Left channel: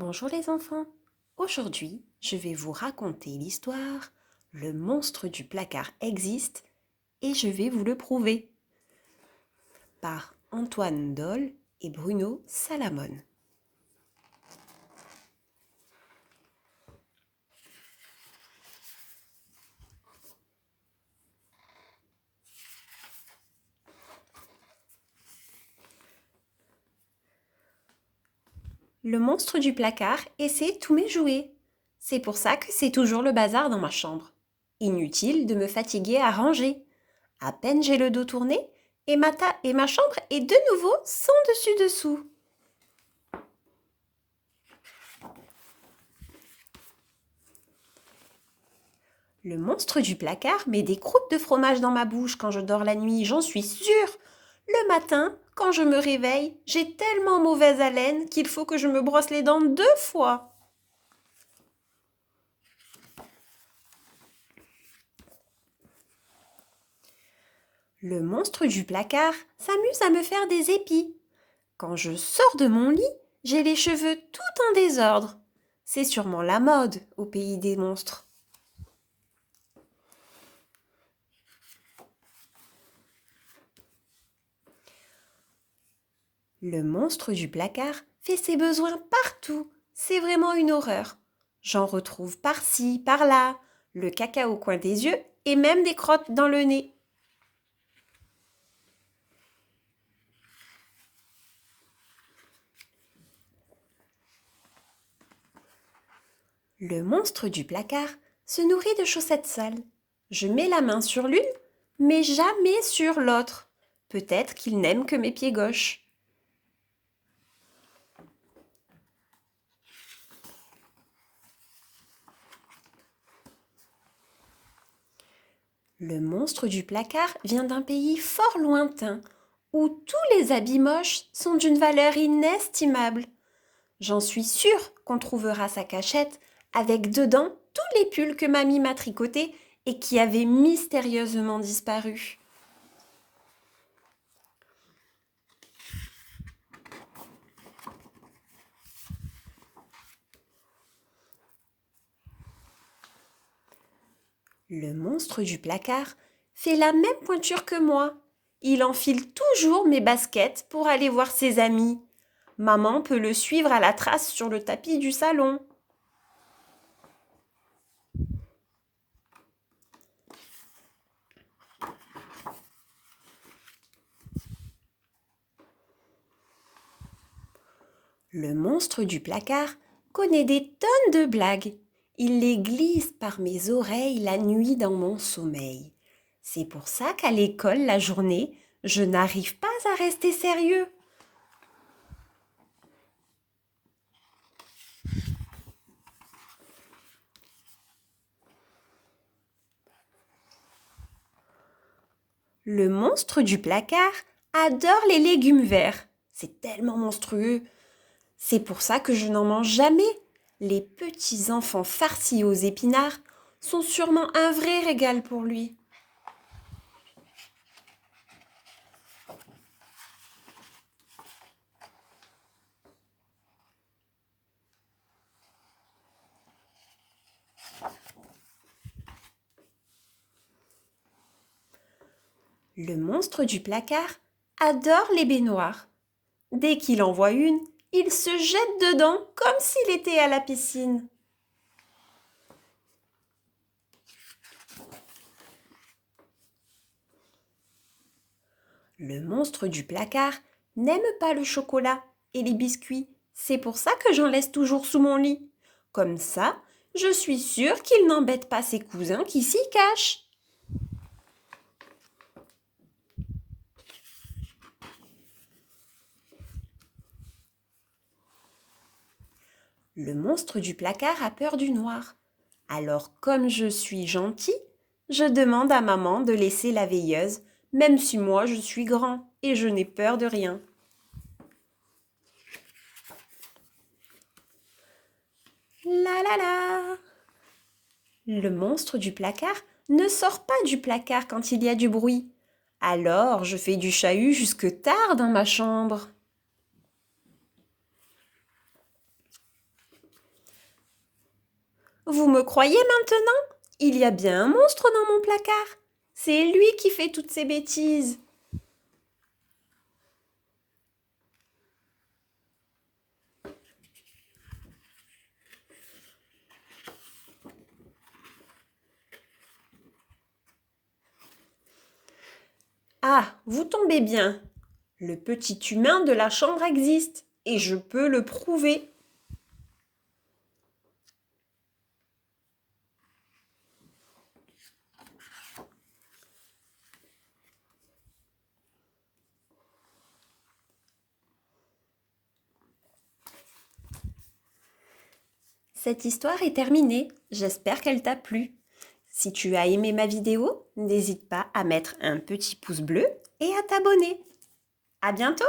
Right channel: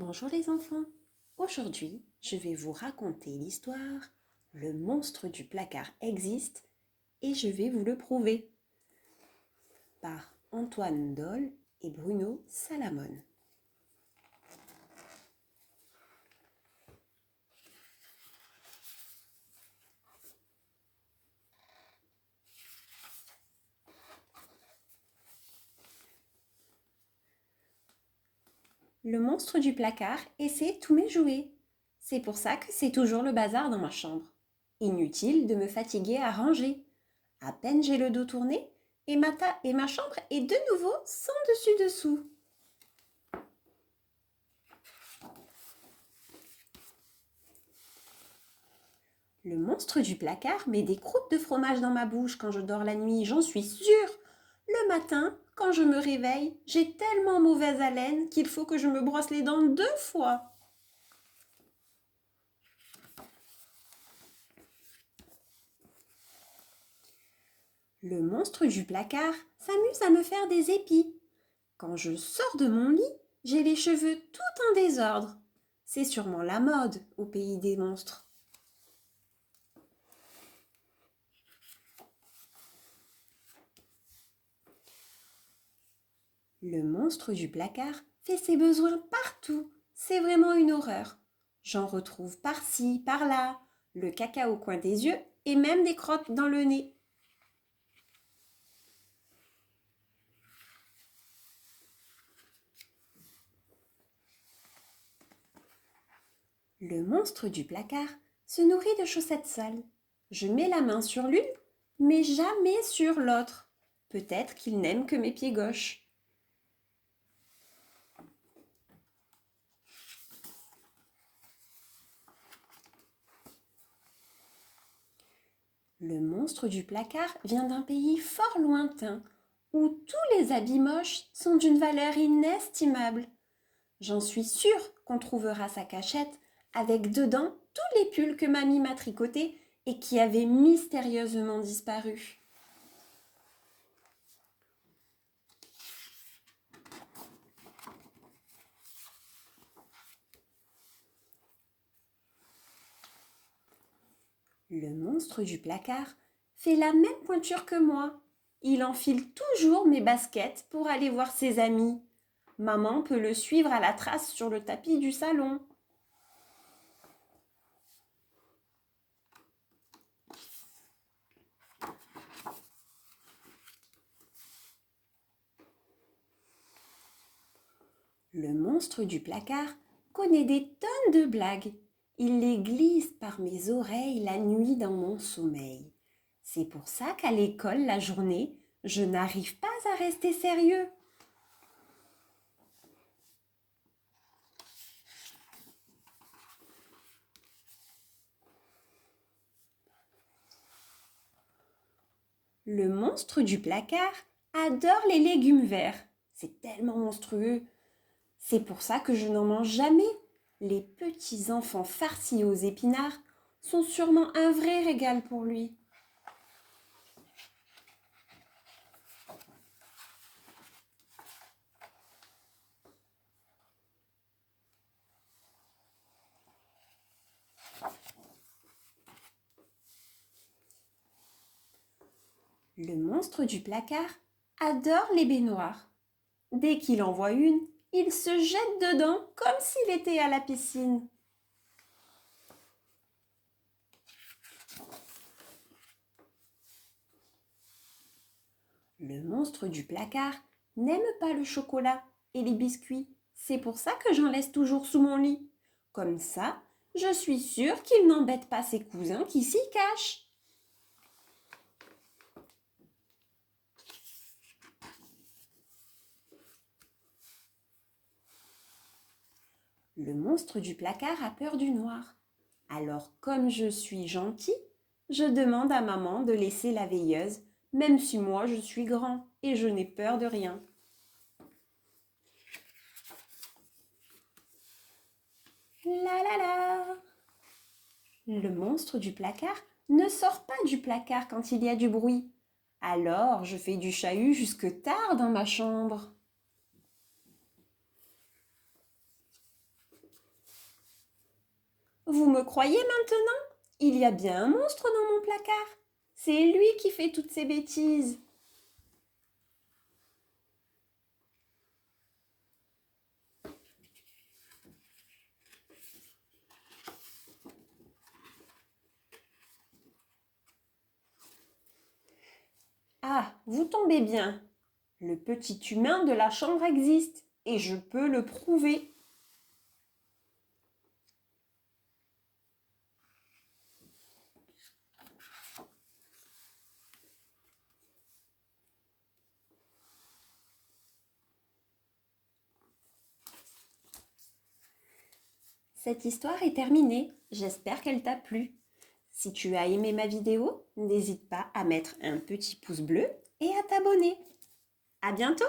Bonjour les enfants. Aujourd'hui, je vais vous raconter l'histoire Le monstre du placard existe et je vais vous le prouver par Antoine Doll et Bruno Salamon. Le monstre du placard essaie tous mes jouets. C'est pour ça que c'est toujours le bazar dans ma chambre. Inutile de me fatiguer à ranger. À peine j'ai le dos tourné et ma chambre est de nouveau sans dessus-dessous. Le monstre du placard met des croûtes de fromage dans ma bouche quand je dors la nuit, j'en suis sûre. Le matin, quand je me réveille, j'ai tellement mauvaise haleine qu'il faut que je me brosse les dents 2 fois. Le monstre du placard s'amuse à me faire des épis. Quand je sors de mon lit, j'ai les cheveux tout en désordre. C'est sûrement la mode au pays des monstres. Le monstre du placard fait ses besoins partout. C'est vraiment une horreur. J'en retrouve par-ci, par-là, le caca au coin des yeux et même des crottes dans le nez. Le monstre du placard se nourrit de chaussettes sales. Je mets la main sur l'une, mais jamais sur l'autre. Peut-être qu'il n'aime que mes pieds gauches. Le monstre du placard vient d'un pays fort lointain, où tous les habits moches sont d'une valeur inestimable. J'en suis sûre qu'on trouvera sa cachette avec dedans tous les pulls que mamie m'a tricotés et qui avaient mystérieusement disparu. Le monstre du placard fait la même pointure que moi. Il enfile toujours mes baskets pour aller voir ses amis. Maman peut le suivre à la trace sur le tapis du salon. Le monstre du placard connaît des tonnes de blagues. Il les glisse par mes oreilles la nuit dans mon sommeil. C'est pour ça qu'à l'école, la journée, je n'arrive pas à rester sérieux. Le monstre du placard adore les légumes verts. C'est tellement monstrueux. C'est pour ça que je n'en mange jamais. Les petits enfants farcis aux épinards sont sûrement un vrai régal pour lui. Le monstre du placard adore les baignoires. Dès qu'il en voit une, il se jette dedans comme s'il était à la piscine. Le monstre du placard n'aime pas le chocolat et les biscuits. C'est pour ça que j'en laisse toujours sous mon lit. Comme ça, je suis sûre qu'il n'embête pas ses cousins qui s'y cachent. Le monstre du placard a peur du noir. Alors, comme je suis gentille, je demande à maman de laisser la veilleuse, même si moi je suis grand et je n'ai peur de rien. La la la! Le monstre du placard ne sort pas du placard quand il y a du bruit. Alors, je fais du chahut jusque tard dans ma chambre. Vous me croyez maintenant? Il y a bien un monstre dans mon placard. C'est lui qui fait toutes ces bêtises. Ah, vous tombez bien. Le petit humain de la chambre existe et je peux le prouver. Cette histoire est terminée. J'espère qu'elle t'a plu. Si tu as aimé ma vidéo, n'hésite pas à mettre un petit pouce bleu et à t'abonner. À bientôt!